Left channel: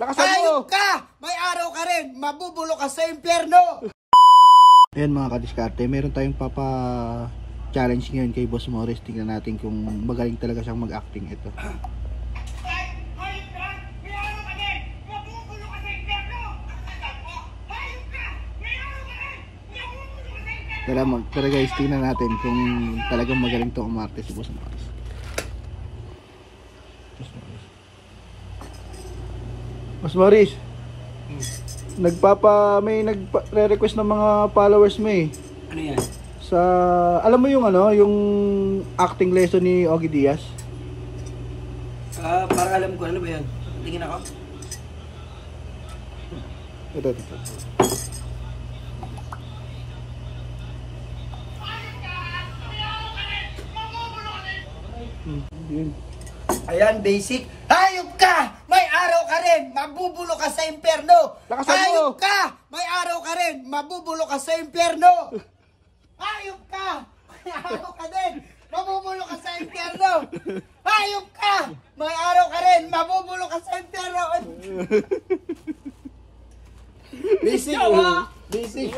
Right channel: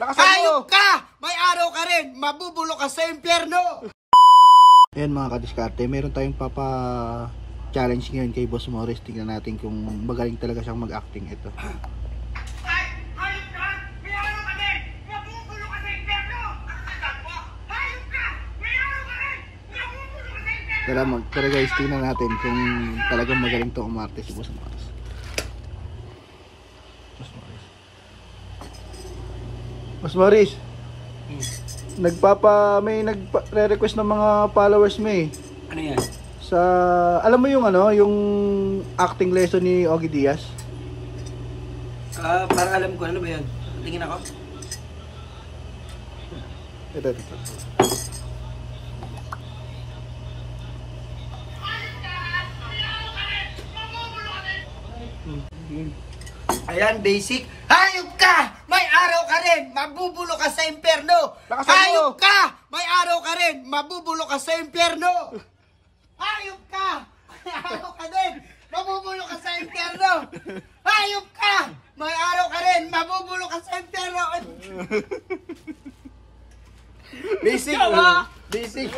Lakasan mo! Hayop ka! May araw ka rin! Mabubulo ka sa impyerno! Ayan mga kadiskarte, meron tayong challenge ngayon kay Boss Morris. Tingnan natin kung magaling talaga siyang mag-acting ito. Hayop ka! May araw ka rin! Mabubulo ka sa impyerno! Hayop ka! May araw ka rin! Mabubulo ka sa impyerno! Pero guys, tingnan natin kung talagang magaling to umarte si Boss Morris. Boss Morris, may nagre-request ng mga followers mo eh. Ano yan? Alam mo yung yung acting lesson ni Ogie Diaz? Parang alam ko. Ano ba yan? Tingin ako? Ito. Ayan, basic. Hayop ka! May araw ka rin! Mabubulo ka sa impyerno! Lakasan mo! Hayop ka! May araw ka rin! Mabubulo ka sa impyerno! Hayop ka! May araw ka din! Mabubulo ka sa impyerno! Hayop ka! May araw ka rin! Mabubulo ka sa impyerno! Basic! Yawa! Basic!